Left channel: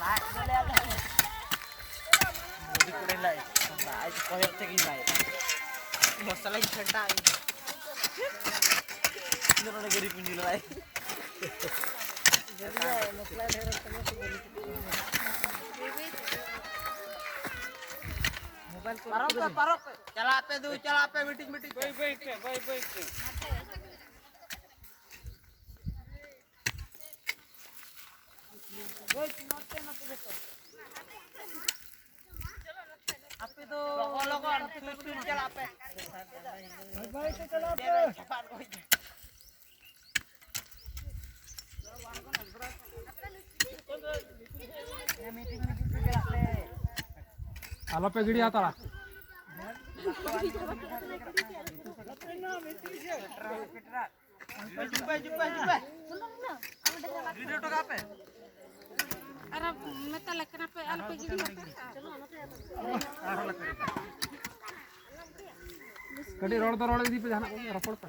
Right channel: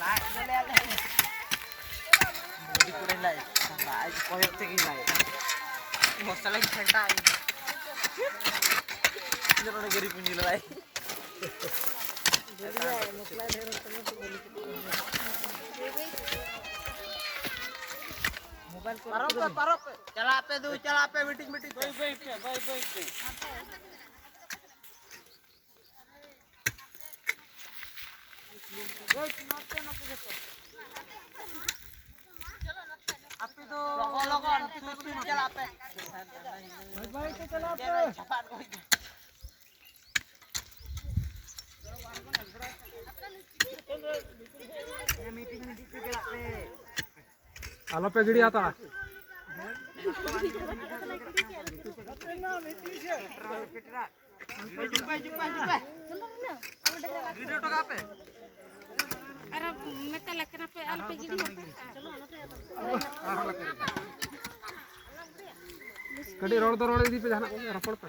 Lại nó leo lên. Đi qua đây lại. Lại coi hết cái này. Một saling sentai. Ini orang gari punya lagi. Jadi ya, masalah heran kamu tuh mobile को पारो चला पे meeting कोई बैठ आपे तो लोगन सुन चला पे भाई तो चला पे छपान कोई ये मीटिंग चला पे आलो पे गिड़ी आता अरे मैं कल पे आल पे गिरी चलो कड़ी रोड तो रोड दी पे जाना रपड़ पे